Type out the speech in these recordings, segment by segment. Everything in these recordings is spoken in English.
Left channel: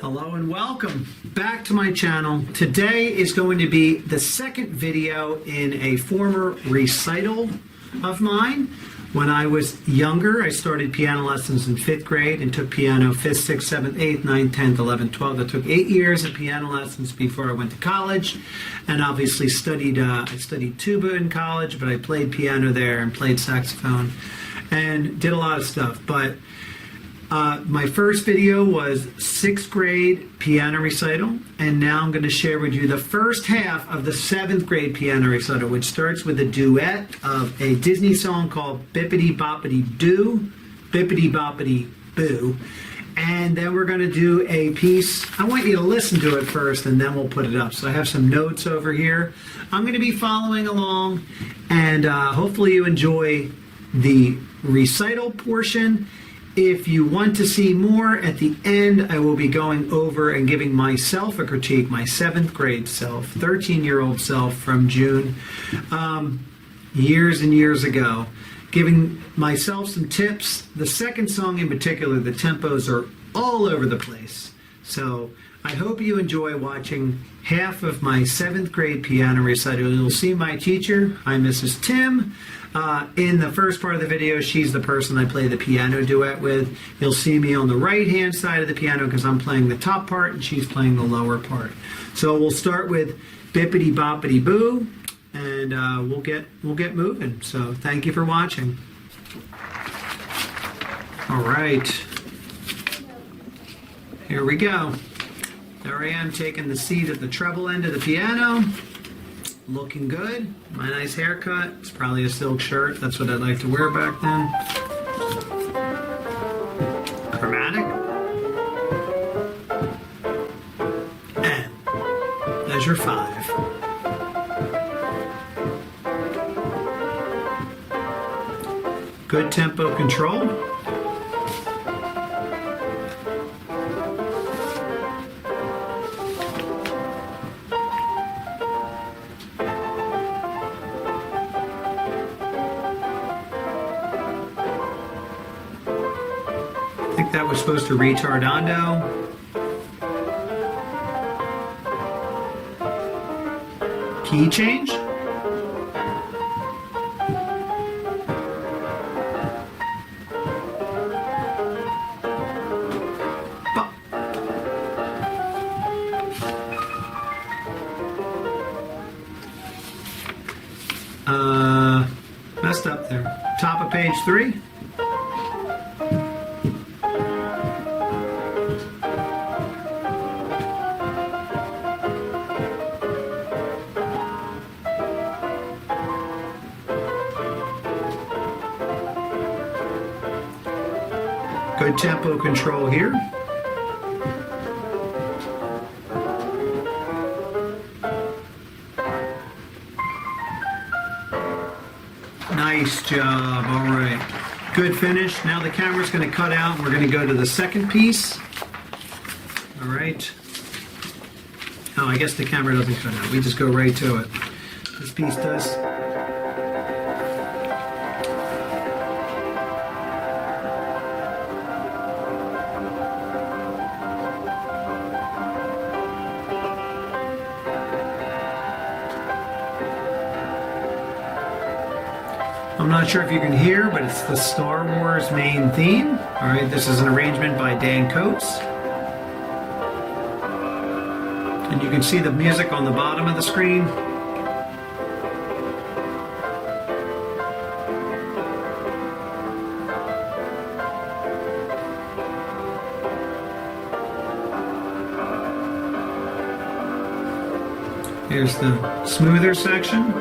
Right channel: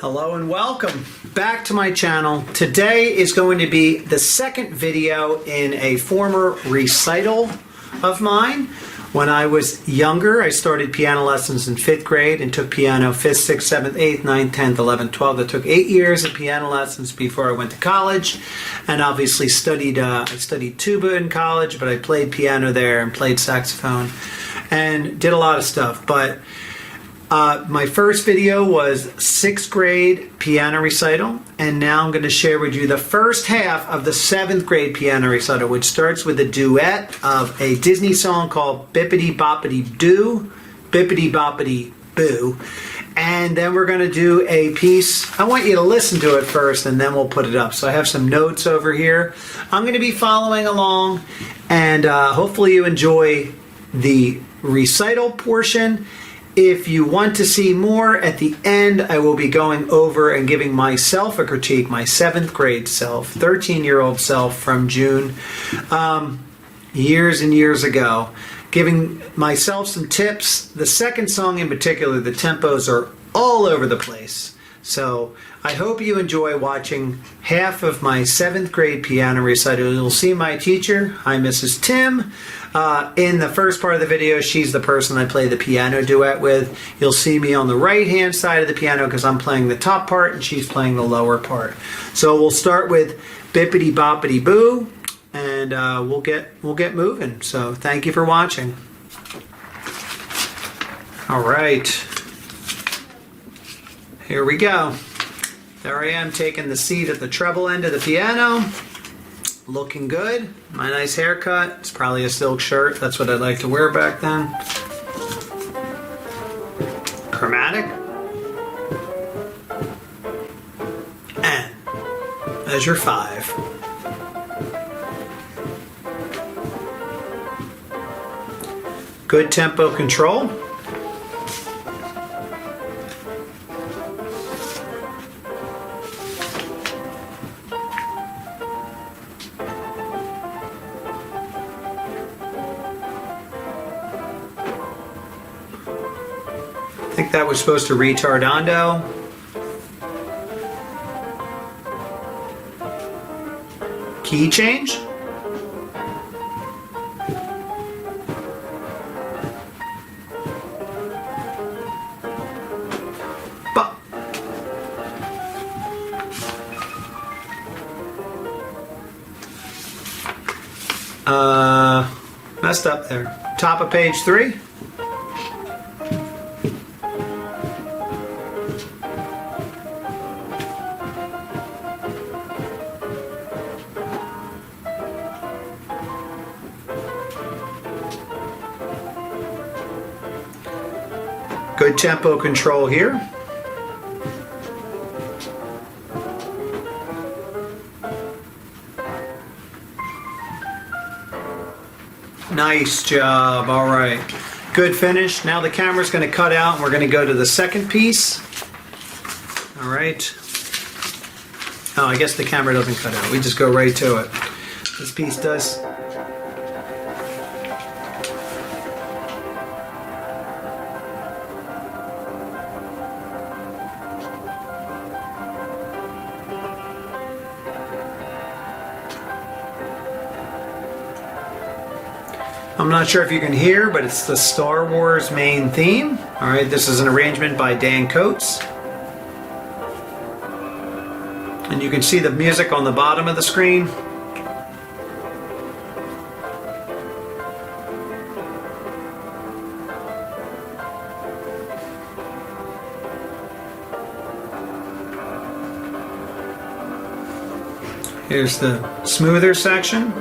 Hello and welcome back to my channel. Today is going to be the second video in a former recital of mine. When I was younger, I started piano lessons in 5th grade and took piano 5th, 6th, 7th, 8th, 9th, 10th, 11th, 12th. I took 8 years of piano lessons before I went to college, and obviously I studied tuba in college, but I played piano there and played saxophone and did a lot of stuff. But my first video was 6th grade piano recital, and now I'm going to share with you the first half of the 7th grade piano recital, which starts with a duet of a Disney song called Bippity Boppity Doo, Bippity Boppity Boo. And then we're going to do a piece. I want you to listen to it first, and then we'll put it up. So I have some notes over here. I'm going to be following along, and hopefully you enjoy the recital portion. If you want to see more, at the end I will be going over and giving myself a critique, my 7th grade self, 13-year-old self from June, years and years ago, giving myself some tips. The second song in particular, the tempos are all over the place. So I hope you enjoy watching half of my 7th grade piano recital. You'll see my teacher. Hi, Mrs. Tim. In the first part of the video, she's the person I play the piano duet with. You'll see me on the right-hand side of the piano because I'm playing the top part and she's playing the lower part. So we'll start with Bippity Boppity Boo, and we'll get moving. So thank you for watching. All right. Here we go. There I am taking the seat at the treble end of the piano. Looking good. My nice haircut. It's probably a silk shirt. That's what I like to wear back then. Chromatic. And measure 5. Good tempo control. I think that was supposed to retardando. Key change. Messed up there. Top of page 3. Good tempo control here. Nice job. All right. Good finish. Now the camera's going to cut out and we're going to go to the second piece. All right. Oh, I guess the camera doesn't cut out. We just go right to it. This piece does. I'm not sure if you can hear, but it's the Star Wars main theme. All right, this is an arrangement by Dan Coates. And you can see the music on the bottom of the screen. Here's the smoother section.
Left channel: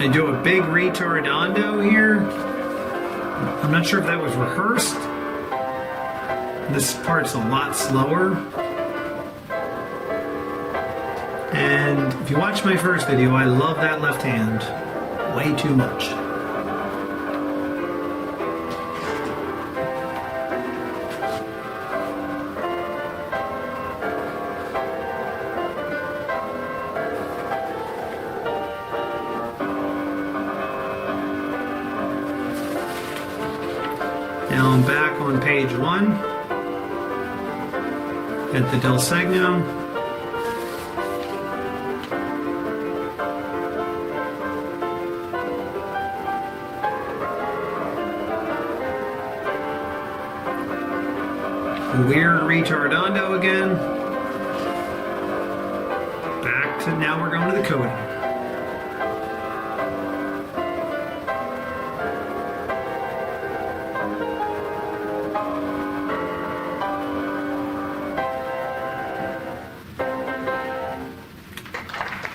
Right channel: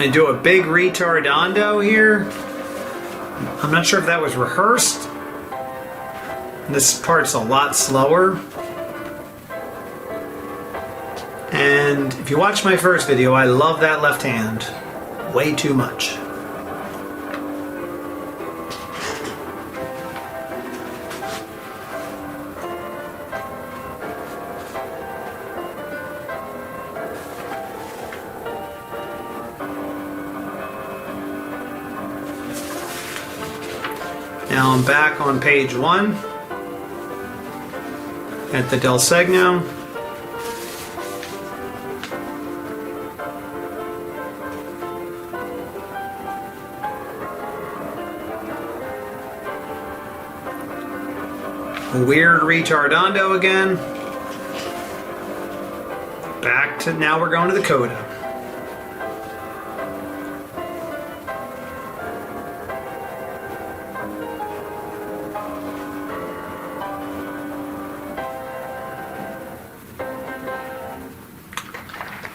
I do a big retardando here. I'm not sure if that was rehearsed. This part's a lot slower. And if you watch my first video, I love that left hand way too much. Now I'm back on page 1 at the del segno. Weird retardando again. Back to, now we're going to the coda.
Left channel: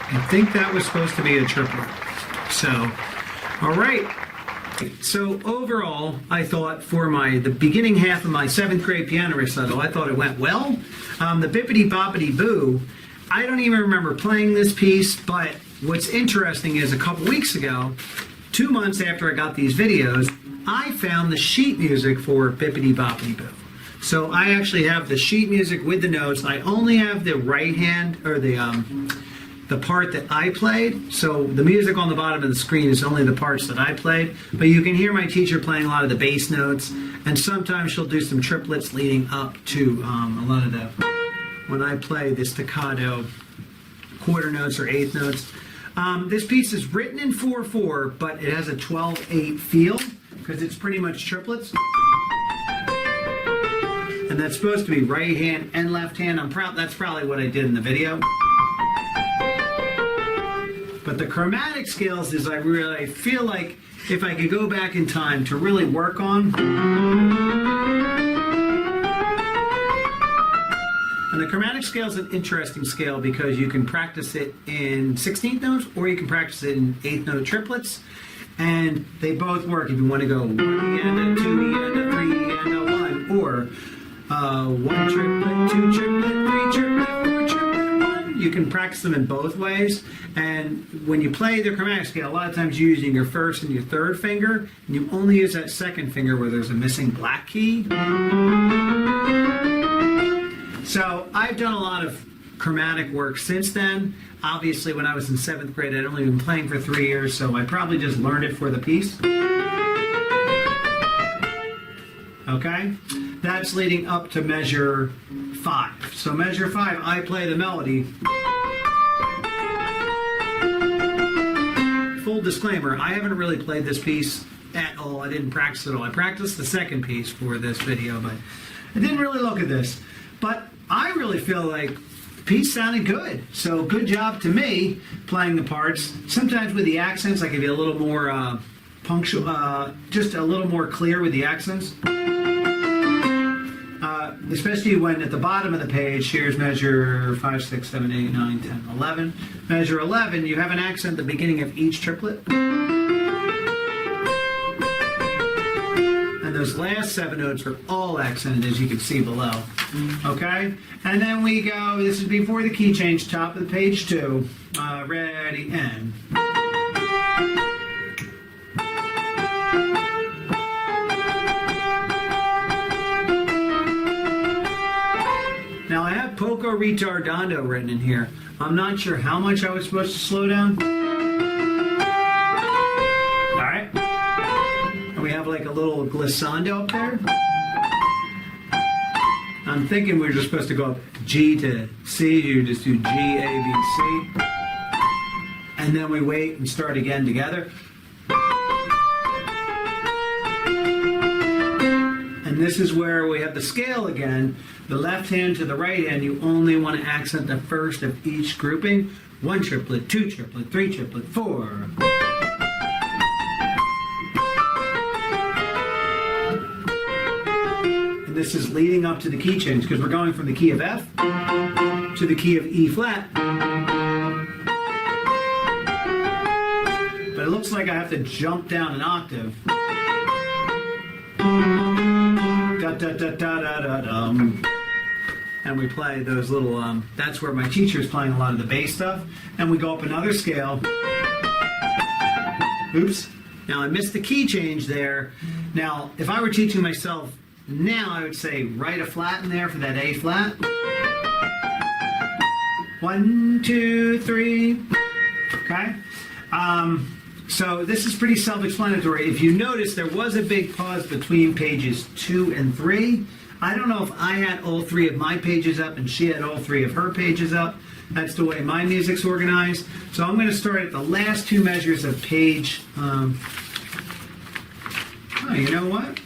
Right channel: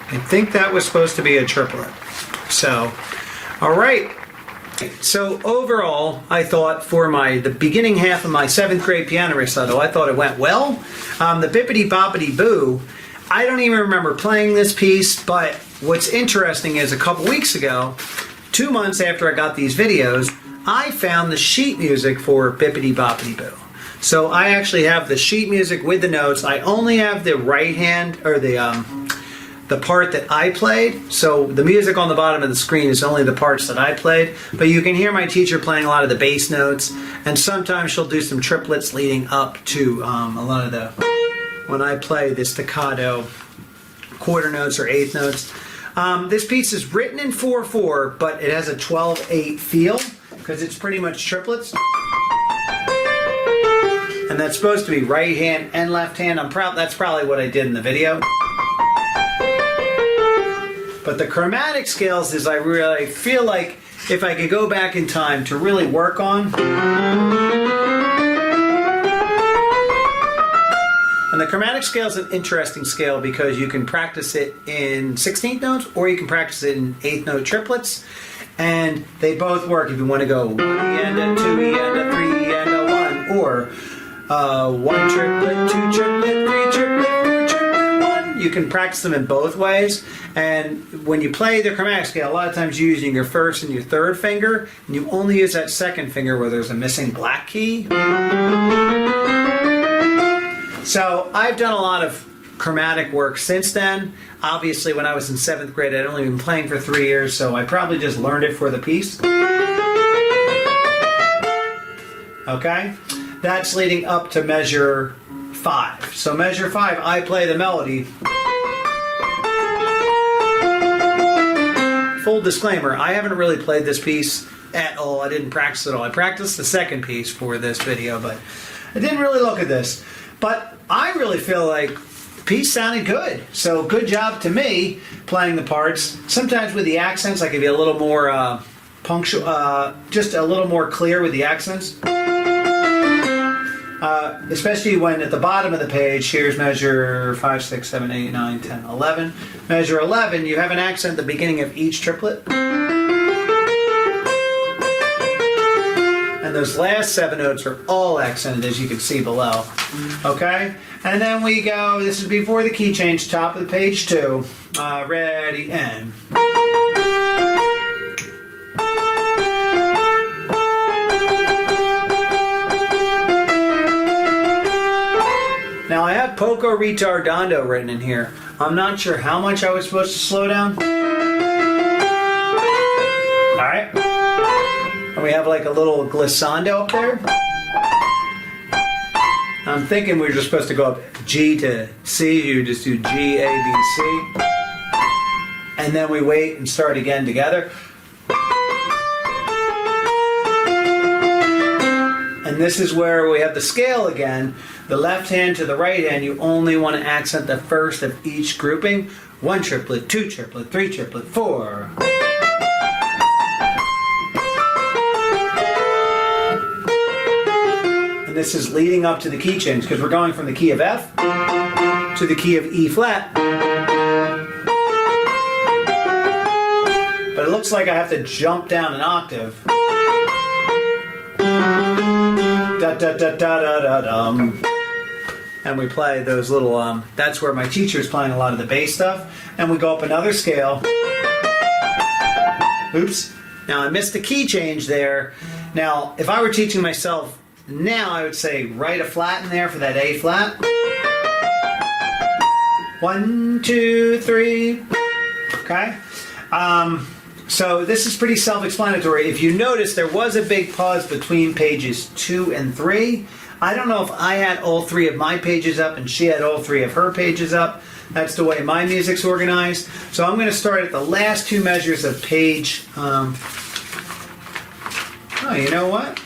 I think that was supposed to be a triplet. So, all right. So overall, I thought for the beginning half of my 7th grade piano recital, I thought it went well. The Bippity Boppity Boo, I don't even remember playing this piece, but what's interesting is a couple weeks ago, 2 months after I got these videos, I found the sheet music for Bippity Boppity Boo. So I actually have the sheet music with the notes. I only have the right hand, or the part that I played. So the music on the bottom of the screen is only the parts that I played, but you can hear my teacher playing a lot of the bass notes, and sometimes she'll do some triplets leading up to a lot of the, when I play the staccato quarter notes or eighth notes. This piece is written in 4/4, but it has a 12/8 feel because it's pretty much triplets. And that's supposed to be right hand and left hand. That's probably what I did in the video. But the chromatic scales is I really feel like if I could go back in time to really work on. And the chromatic scale is an interesting scale because you can practice it in 16th notes or you can practice it in 8th note triplets. And they both work if you want to go 1 E and a 2 E and a 3 and a 1, or 1 triplet, 2 triplet, 3 triplet, 4 triplet, 1. You can practice them in both ways. And when you play the chromatic scale, a lot of times you're using your first and your third finger, and you only use that second finger where there's a missing black key. So I've done a lot of chromatic work since then. Obviously, when I was in 7th grade, I'd only been playing for 3 years, so I probably just learned it for the piece. Okay? That's leading up to measure 5. So measure 5, I play the melody. Full disclaimer, I haven't really played this piece at all. I didn't practice it all. I practiced the second piece for this video, but I didn't really look at this. But I really feel like the piece sounded good. So good job to me playing the parts. Sometimes with the accents, I can be a little more punctual, just a little more clear with the accents. Especially when at the bottom of the page, here's measure 5, 6, 7, 8, 9, 10, 11. Measure 11, you have an accent at the beginning of each triplet. And those last 7 notes are all accented, as you can see below. Okay? And then we go, this is before the key change, top of the page 2. Ready, and... Now I have poco ritardando written in here. I'm not sure how much I was supposed to slow down. Alright. And we have like a little glissando up there. I'm thinking we're just supposed to go up G to C. You just do G, A, B, C. And then we wait and start again together. And this is where we have the scale again. The left hand to the right hand, you only want to accent the first of each grouping. 1 triplet, 2 triplet, 3 triplet, 4. And this is leading up to the key change because we're going from the key of F to the key of E flat. But it looks like I have to jump down an octave. Da, da, da, da, da, da, dum. And we play those little, that's where my teacher's playing a lot of the bass stuff. And we go up another scale. Oops. Now I missed the key change there. Now, if I were teaching myself now, I would say write a flat in there for that A flat. 1, 2, 3. Okay? So this is pretty self-explanatory. If you notice, there was a big pause between pages 2 and 3. I don't know if I had all 3 of my pages up and she had all 3 of her pages up. That's the way my music's organized. So I'm going to start at the last 2 measures of page. Oh, you know what?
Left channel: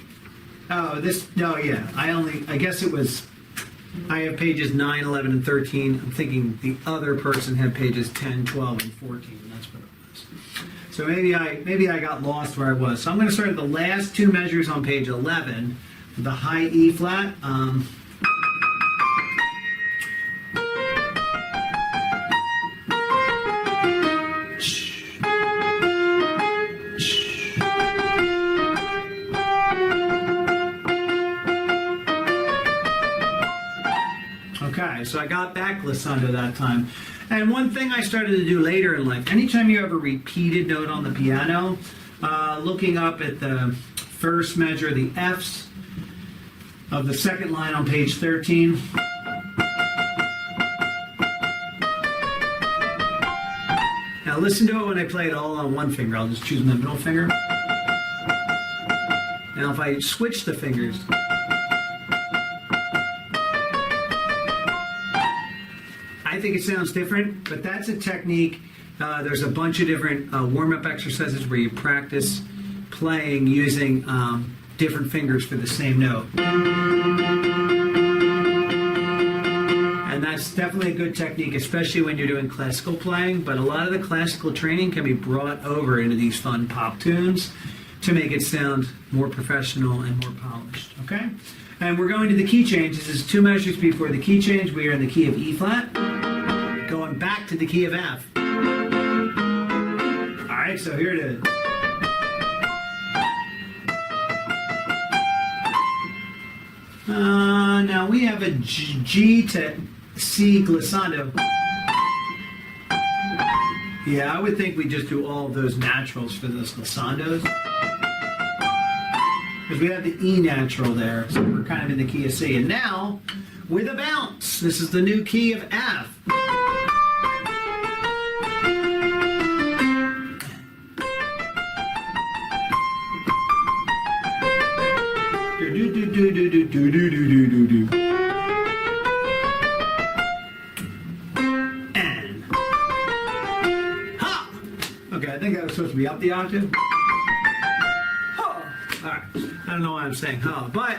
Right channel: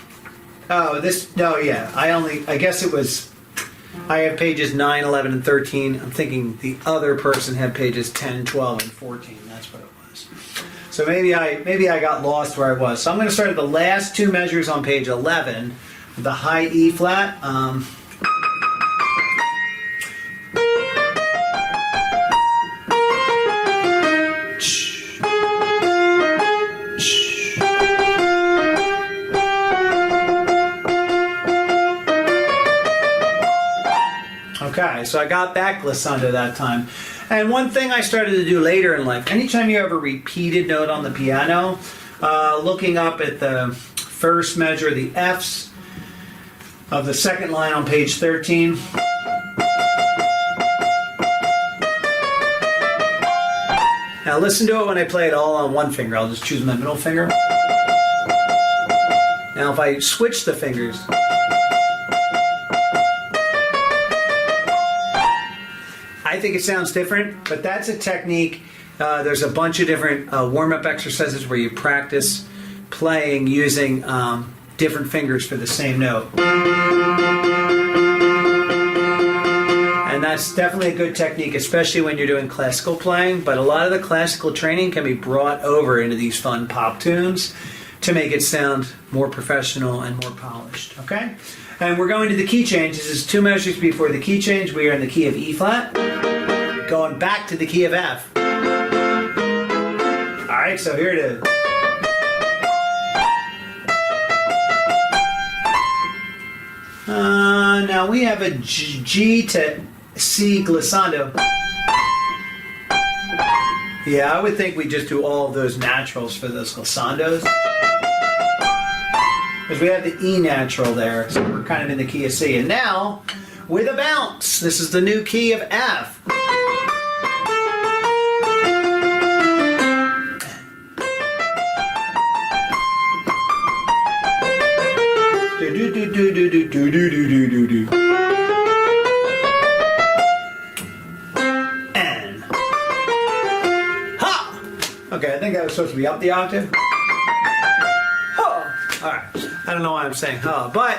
Oh, I guess it was. I have pages 9, 11, and 13. I'm thinking the other person had pages 10, 12, and 14. That's what it was. So maybe I got lost where I was. So I'm going to start at the last 2 measures on page 11 with the high E flat. Okay, so I got that glissando that time. And one thing I started to do later in life, anytime you have a repeated note on the piano, looking up at the first measure, the Fs of the second line on page 13. Now listen to it when I play it all on one finger. I'll just choose my middle finger. Now if I switch the fingers, I think it sounds different, but that's a technique. There's a bunch of different warm-up exercises where you practice playing using different fingers for the same note. And that's definitely a good technique, especially when you're doing classical playing, but a lot of the classical training can be brought over into these fun pop tunes to make it sound more professional and more polished, okay? And we're going to the key change. This is 2 measures before the key change. We are in the key of E flat, going back to the key of F. All right, so here it is. Now we have a G to C glissando. Yeah, I would think we just do all of those naturals for those glissandos. Because we have the E natural there, so we're kind of in the key of C. And now, with a bounce, this is the new key of F. Do do do do do do do do do do do. And ha. Okay, I think that was supposed to be up the octave. All right, I don't know why I'm saying huh, but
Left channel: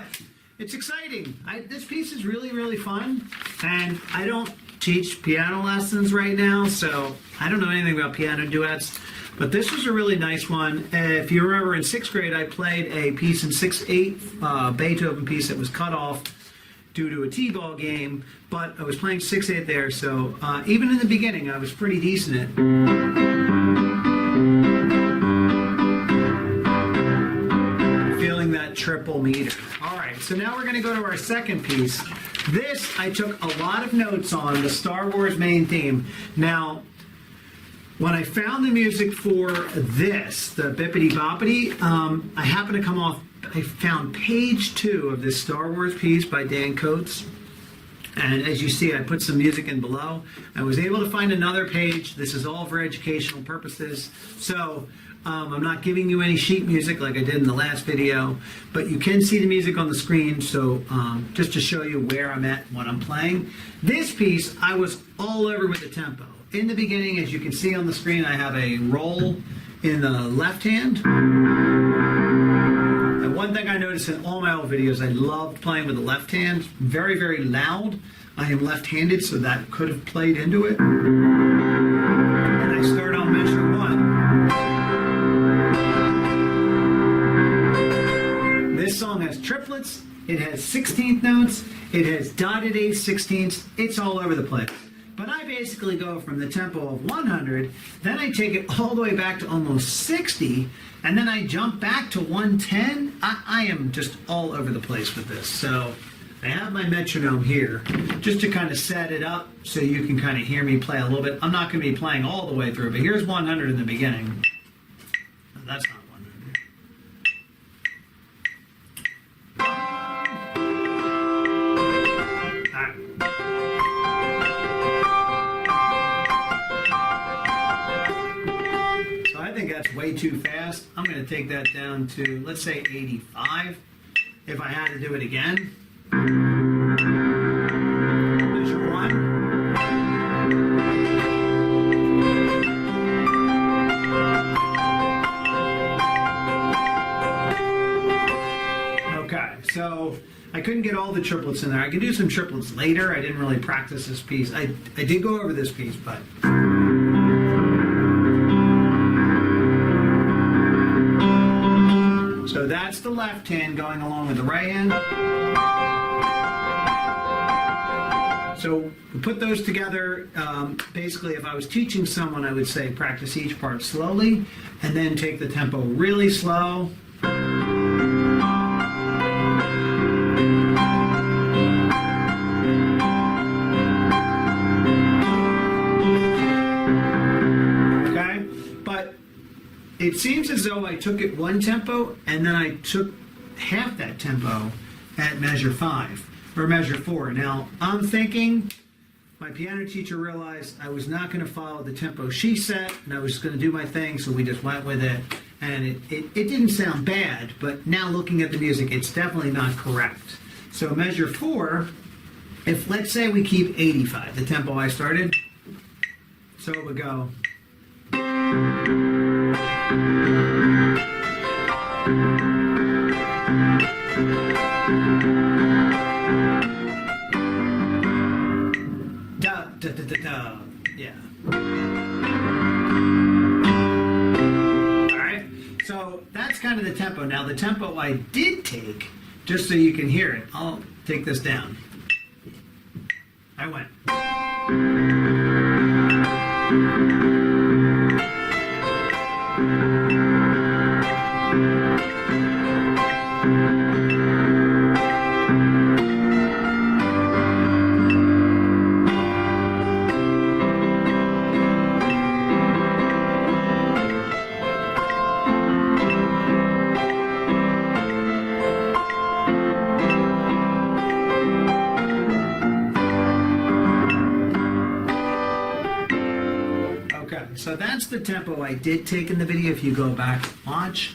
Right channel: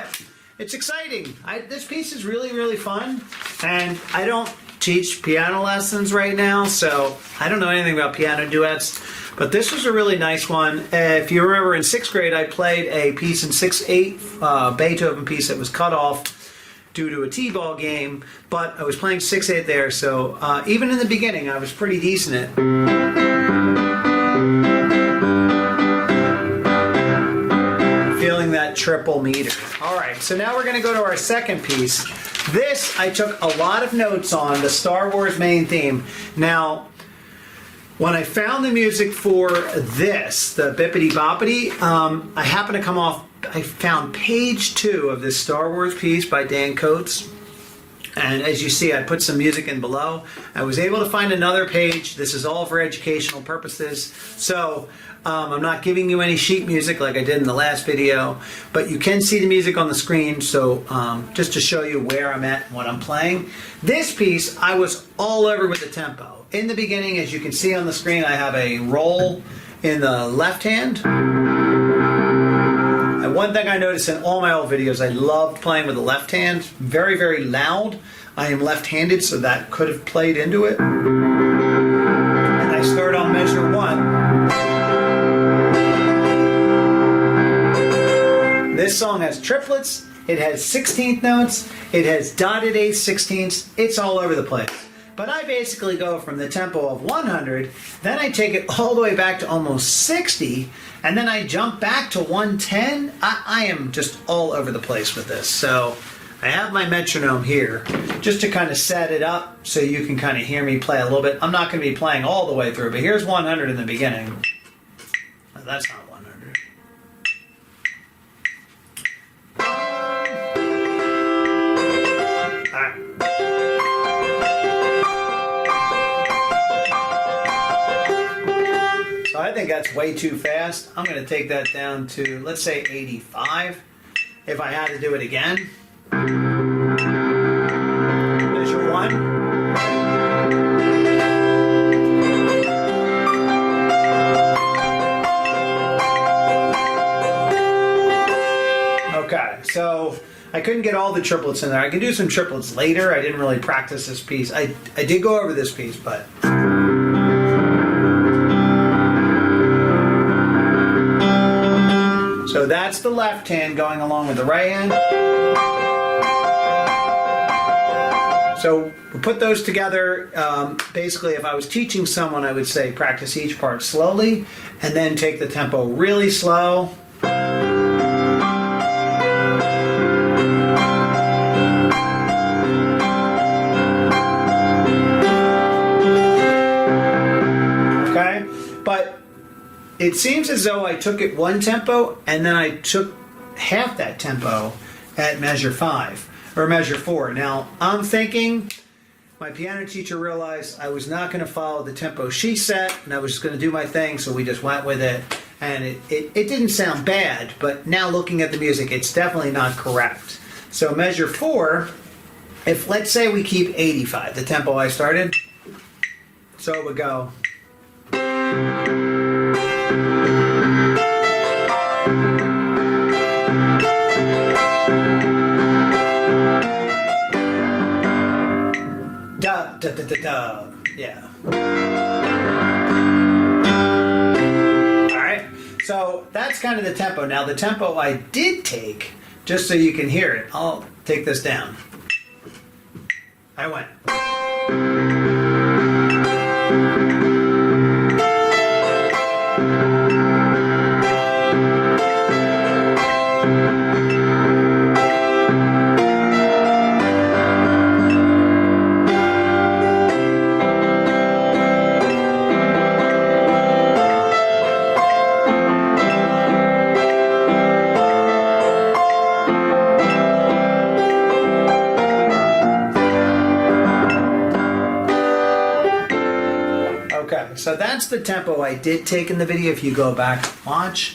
it's exciting. This piece is really, really fun, and I don't teach piano lessons right now, so I don't know anything about piano duets, but this was a really nice one. If you remember in 6th grade, I played a piece in 6/8, Beethoven piece that was cut off due to a t-ball game, but I was playing 6/8 there, so even in the beginning, I was pretty decent at it. That triple meter. All right, so now we're going to go to our second piece. This I took a lot of notes on, the Star Wars main theme. Now, when I found the music for this, the Bippity Boppity, I happened to come off, I found page 2 of this Star Wars piece by Dan Coates. And as you see, I put some music in below. I was able to find another page. This is all for educational purposes. So I'm not giving you any sheet music like I did in the last video, but you can see the music on the screen. So just to show you where I'm at and what I'm playing. This piece, I was all over with the tempo. In the beginning, as you can see on the screen, I have a roll in the left hand. And one thing I noticed in all my old videos, I loved playing with the left hand. Very, very loud. I am left-handed, so that could have played into it. And I start on measure 1. This song has triplets. It has 16th notes. It has dotted 8/16. 16ths. It's all over the place. But I basically go from the tempo of 100, then I take it all the way back to almost 60, and then I jump back to 110. I am just all over the place with this. So I have my metronome here just to kind of set it up so you can kind of hear me play a little bit. I'm not going to be playing all the way through, but here's 100 in the beginning. That's not 100. All right. I think that's way too fast. I'm going to take that down to, let's say, 85. If I had to do it again. Measure 1. Okay, so I couldn't get all the triplets in there. I can do some triplets later. I didn't really practice this piece. I did go over this piece, but... So that's the left hand going along with the right hand. So we put those together. Basically, if I was teaching someone, I would say practice each part slowly and then take the tempo really slow. Okay? But it seems as though I took it one tempo and then I took half that tempo at measure 5 or measure 4. Now, I'm thinking my piano teacher realized I was not going to follow the tempo she set and I was just going to do my thing, so we just went with it. And it didn't sound bad, but now looking at the music, it's definitely not correct. So measure 4, if let's say we keep 85, the tempo I started, so it would go... Da, da, da, da, da. Yeah. Alright, so that's kind of the tempo. Now the tempo I did take, just so you can hear it, I'll take this down. I went. Okay, so that's the tempo I did take in the video. If you go back and watch,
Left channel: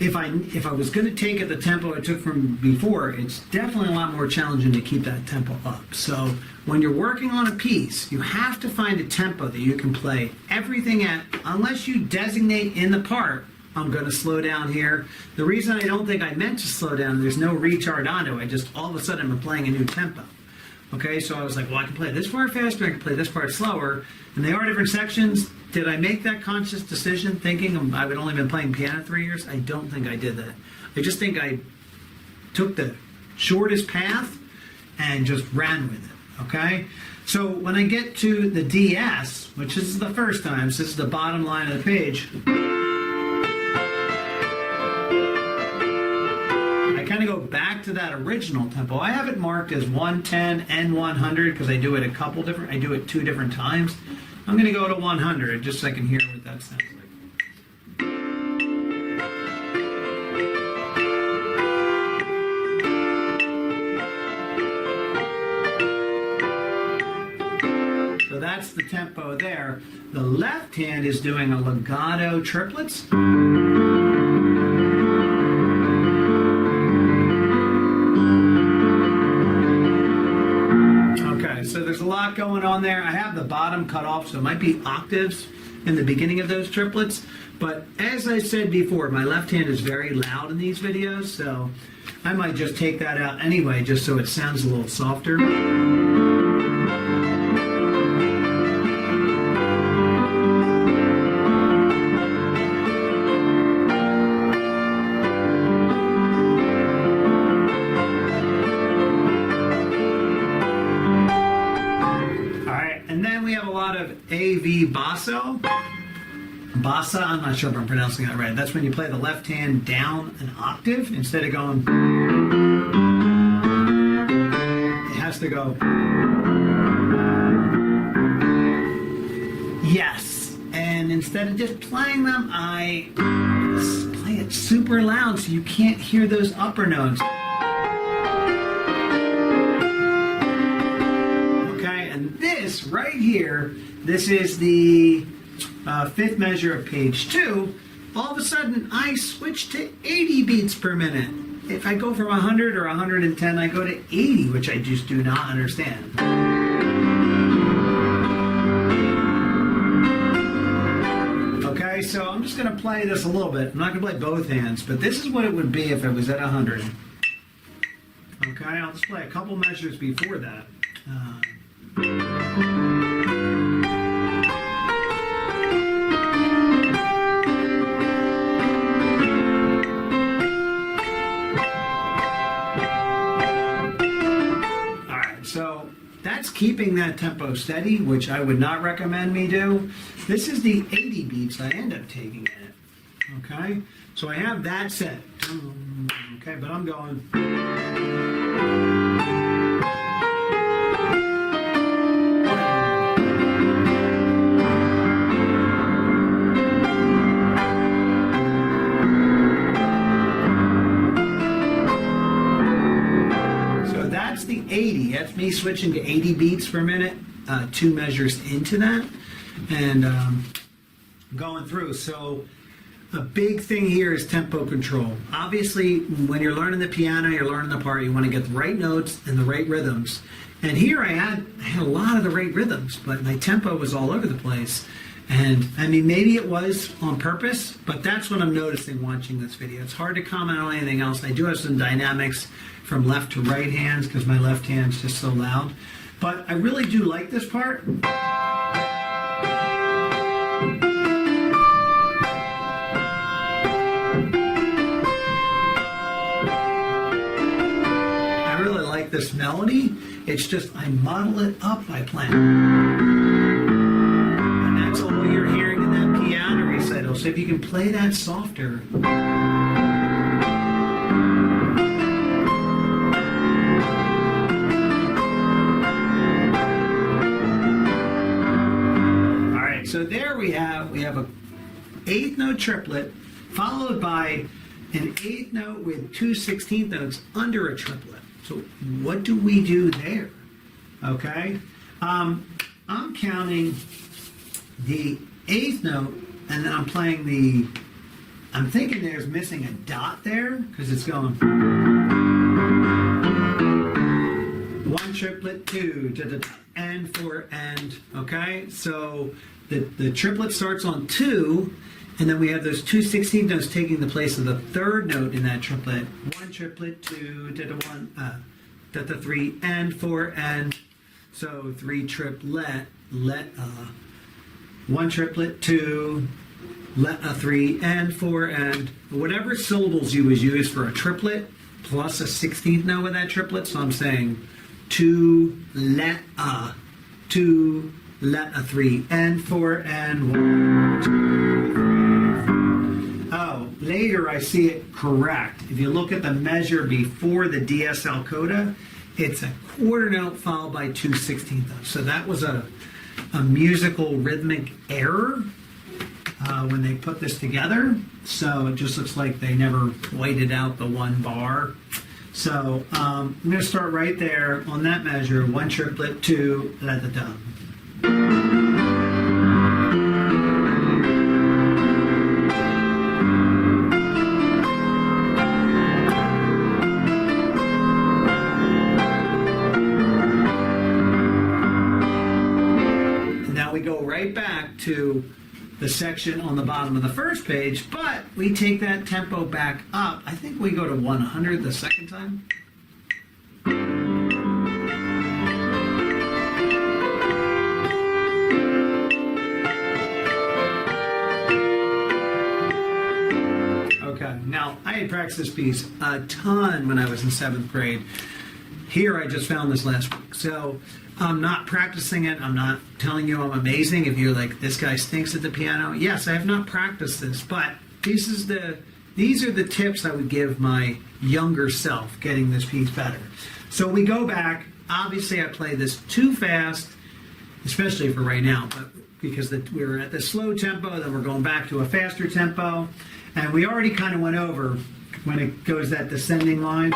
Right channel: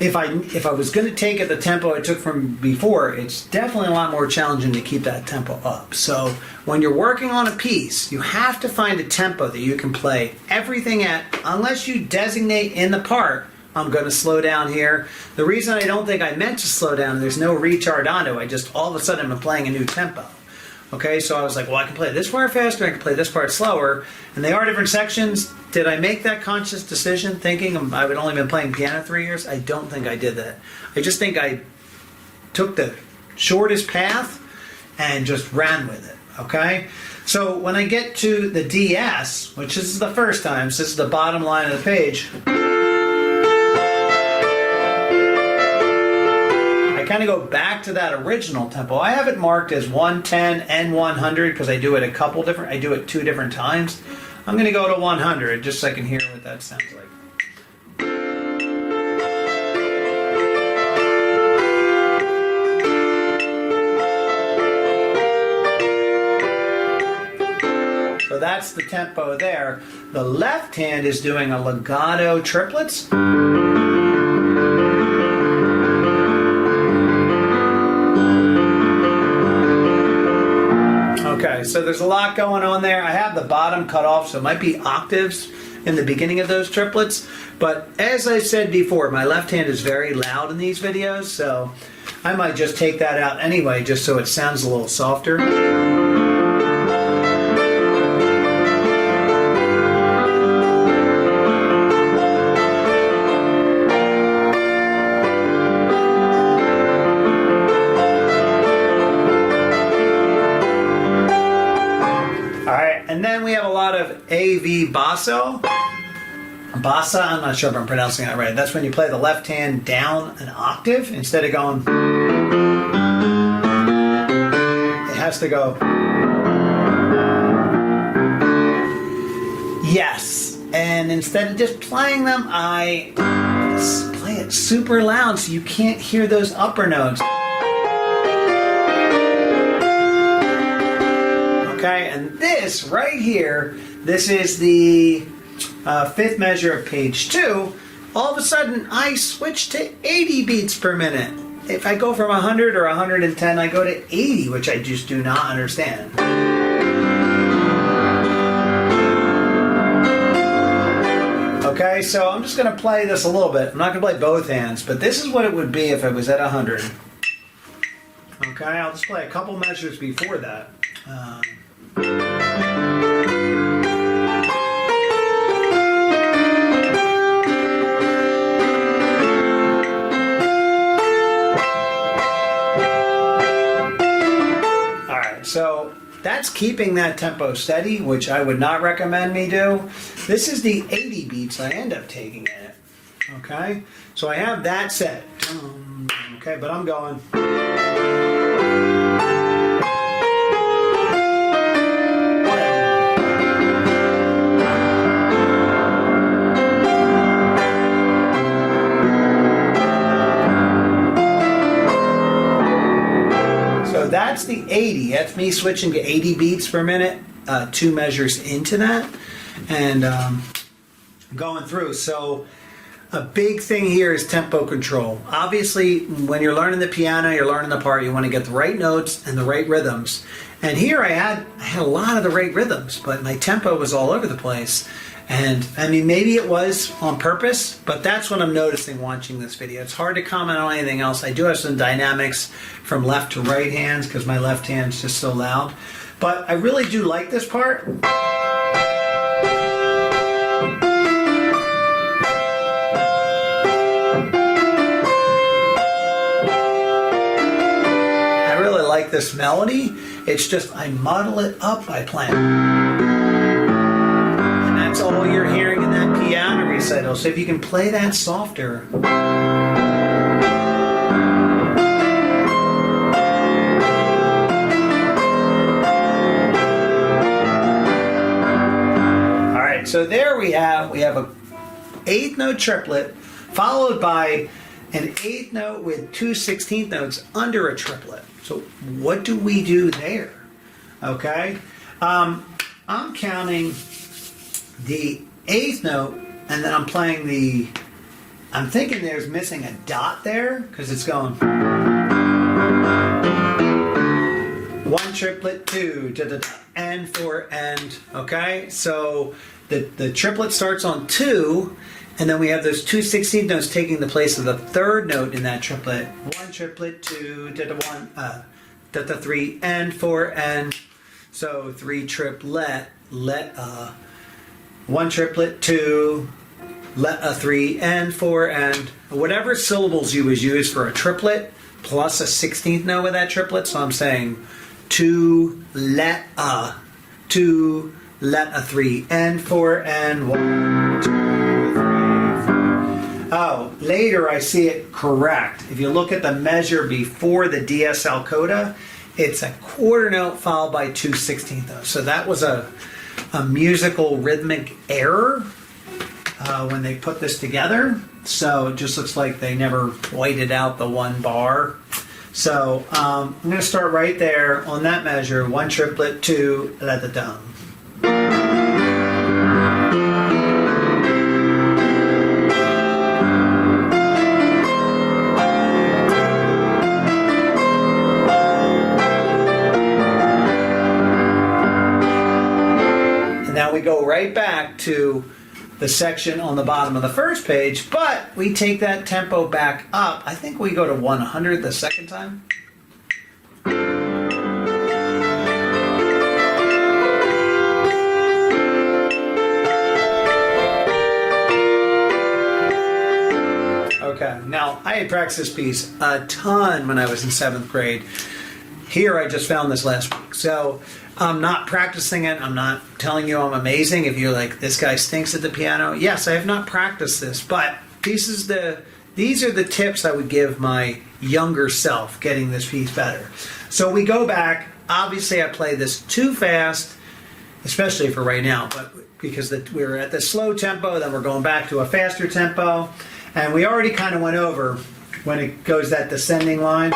if I was going to take it the tempo I took from before, it's definitely a lot more challenging to keep that tempo up. So when you're working on a piece, you have to find a tempo that you can play everything at, unless you designate in the part, I'm going to slow down here. The reason I don't think I meant to slow down, there's no retardando. I just all of a sudden I'm playing a new tempo. Okay, so I was like, well, I can play this part faster, I can play this part slower, and they are different sections. Did I make that conscious decision thinking I would only been playing piano 3 years? I don't think I did that. I just think I took the shortest path and just ran with it, okay? So when I get to the DS, which is the first time, so this is the bottom line of the page, kind of go back to that original tempo. I have it marked as 110 and 100 because I do it I do it 2 different times. I'm going to go to 100 just so I can hear what that sounds like. So that's the tempo there. The left hand is doing a legato triplets. Okay, so there's a lot going on there. I have the bottom cut off, so it might be octaves in the beginning of those triplets. But as I said before, my left hand is very loud in these videos, so I might just take that out anyway, just so it sounds a little softer. And then we have a lot of AV basso. Bassa, I'm not sure if I'm pronouncing that right. That's when you play the left hand down an octave instead of going. It has to go. Yes. And instead of just playing them, I play it super loud so you can't hear those upper notes. Okay, and this right here, this is the fifth measure of page 2, all of a sudden I switch to 80 beats per minute. If I go from 100 or 110, I go to 80, which I just do not understand. Okay, so I'm just going to play this a little bit. I'm not going to play both hands, but this is what it would be if it was at 100. Okay, I'll just play a couple measures before that. So that's keeping that tempo steady, which I would not recommend me do. This is the 80 beats I end up taking in it. Okay, so I have that set. Okay, but I'm going. That's the 80. That's me switching to 80 beats per minute, 2 measures into that, and going through. So a big thing here is tempo control. Obviously, when you're learning the piano, you're learning the part, you want to get the right notes and the right rhythms. And here I had a lot of the right rhythms, but my tempo was all over the place. And I mean, maybe it was on purpose, but that's what I'm noticing watching this video. It's hard to comment on anything else. I do have some dynamics from left to right hands because my left hand's just so loud. But I really do like this part. I really like this melody. It's just I muddle it up by playing. That's all you're hearing in that piano recital. So if you can play that softer. All right, so there we have a 8th note triplet followed by an 8th note with 2 16th notes under a triplet. So what do we do there? Okay, I'm counting the 8th note, and then I'm playing I'm thinking there's missing a dot there, because it's going 1 triplet, 2, da, da, da, and 4, and, okay? So the triplet starts on 2, and then we have those 2 16th notes taking the place of the 3rd note in that triplet. 1 triplet, 2, da, da, 1, da, da, 3, and 4, and, so 3 triplet, 1 triplet, 2, a 3, and 4, and whatever syllables you would use for a triplet plus a 16th note with that triplet. So I'm saying 2, let a 3, and 4, and 1, 2, 3, 4. Oh, later I see it correct. If you look at the measure before the DSL coda, it's a quarter note followed by 2 16th notes. So that was a musical rhythmic error when they put this together. So it just looks like they never whited out the one bar. So I'm going to start right there on that measure. 1 triplet, 2, let the dum. Now we go right back to the section on the bottom of the first page, but we take that tempo back up. I think we go to 100 the second time. Okay, now I had practiced this piece a ton when I was in 7th grade. Here I just found this last week. So I'm not practicing it. I'm not telling you I'm amazing. If you're like, this guy stinks at the piano. Yes, I have not practiced this, but these are the tips I would give my younger self getting this piece better. So we go back. Obviously, I play this too fast, especially for right now, but because we're at the slow tempo, then we're going back to a faster tempo. And we already kind of went over when it goes that descending line.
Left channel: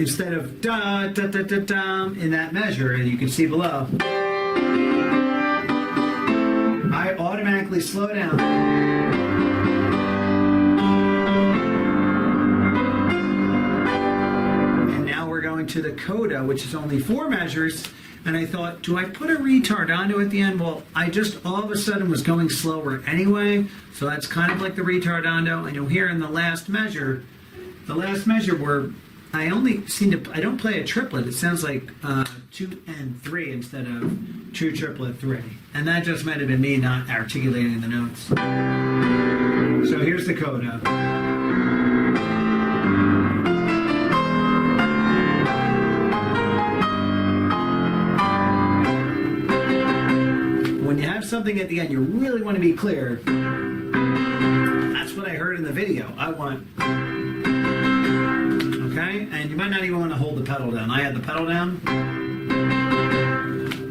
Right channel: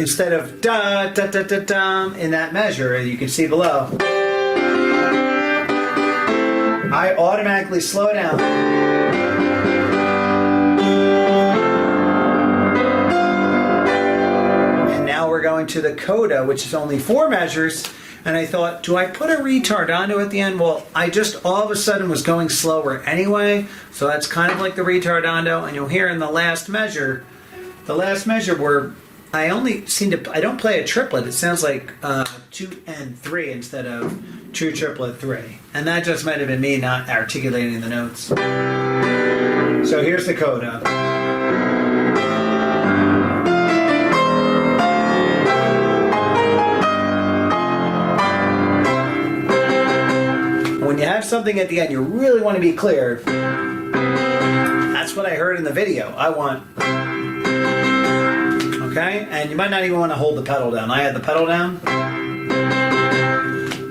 instead of da da da da da in that measure, as you can see below, I automatically slow down. And now we're going to the coda, which is only 4 measures. And I thought, do I put a retardando at the end? Well, I just all of a sudden was going slower anyway, so that's kind of like the retardando. And you'll hear in the last measure where I don't play a triplet. It sounds like 2 and 3 instead of true triplet 3. And that just might have been me not articulating the notes. So here's the coda. When you have something at the end, you really want to be clear. That's what I heard in the video. I want, okay? And you might not even want to hold the pedal down. I had the pedal down.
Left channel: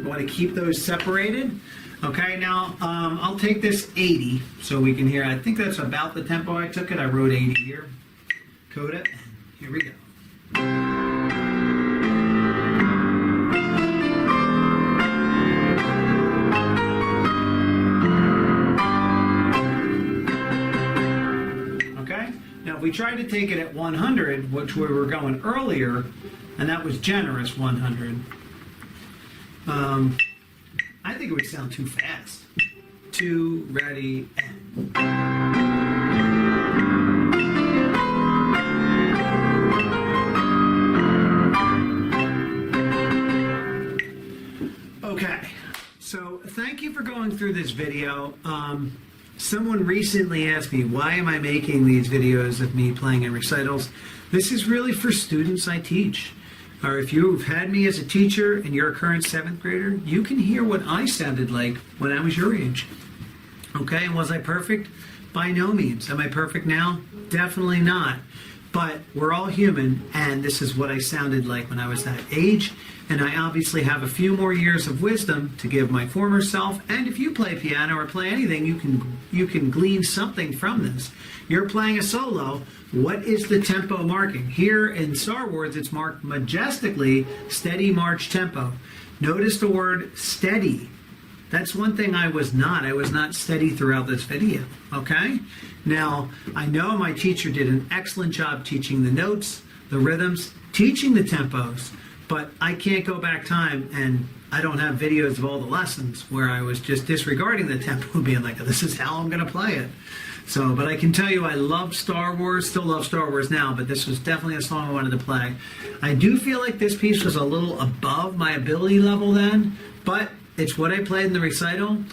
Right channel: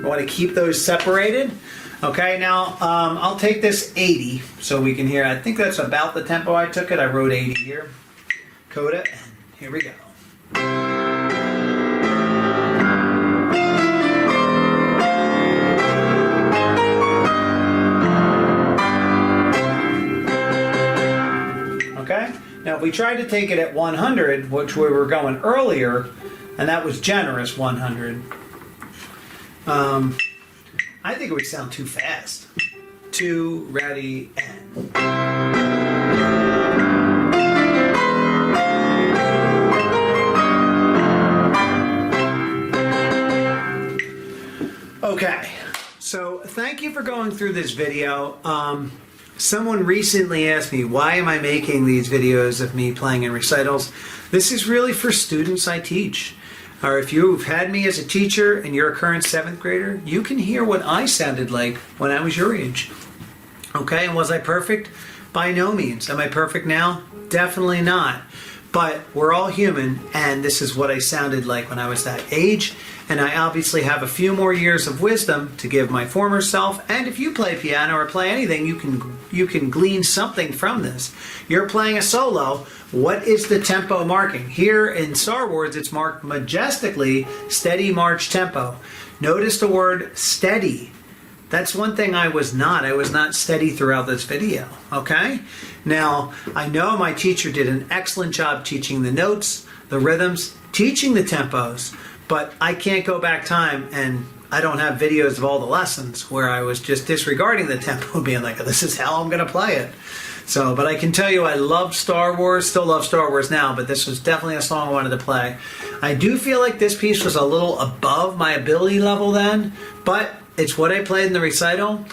I want to keep those separated. Okay, now I'll take this 80 so we can hear. I think that's about the tempo I took it. I wrote 80 here. Coda, and here we go. Now, if we tried to take it at 100, which we were going earlier, and that was generous 100, I think it would sound too fast. 2, ready, and. Okay, so thank you for going through this video. Someone recently asked me, why am I making these videos of me playing in recitals? This is really for students I teach. Or if you've had me as a teacher and you're a current 7th grader, you can hear what I sounded like when I was your age. Okay, and was I perfect? By no means. Am I perfect now? Definitely not. But we're all human, and this is what I sounded like when I was that age. And I obviously have a few more years of wisdom to give my former self. And if you play piano or play anything, you can glean something from this. You're playing a solo. What is the tempo marking? Here in Star Wars, it's marked majestically, steady march tempo. Notice the word steady. That's one thing I was not. I was not steady throughout this video, okay? Now, I know my teacher did an excellent job teaching the notes, the rhythms, teaching the tempos, but I can't go back time, and I don't have videos of all the lessons where I was just disregarding the tempo, being like, this is how I'm going to play it. So, but I can tell you I love Star Wars, still love Star Wars now, but this was definitely a song I wanted to play. I do feel like this piece was a little above my ability level then, but it's what I played in the recital.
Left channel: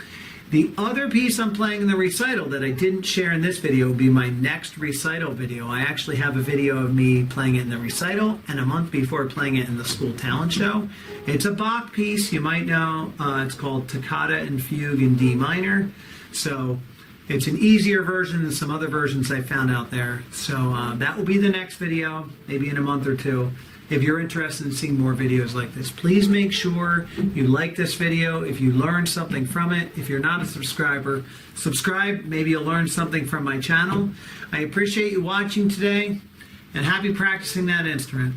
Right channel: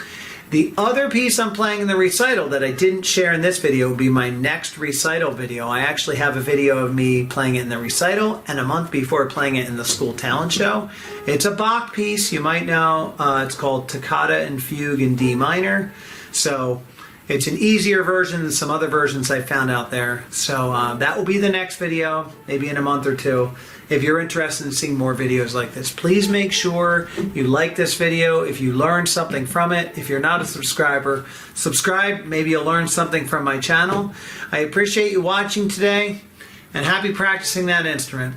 The other piece I'm playing in the recital that I didn't share in this video will be my next recital video. I actually have a video of me playing it in the recital and a month before playing it in the school talent show. It's a Bach piece, you might know. It's called Toccata and Fugue in D minor. So it's an easier version than some other versions I found out there. So that will be the next video, maybe in a month or 2. If you're interested in seeing more videos like this, please make sure you like this video. If you learned something from it, if you're not a subscriber, subscribe. Maybe you'll learn something from my channel. I appreciate you watching today, and happy practicing that instrument.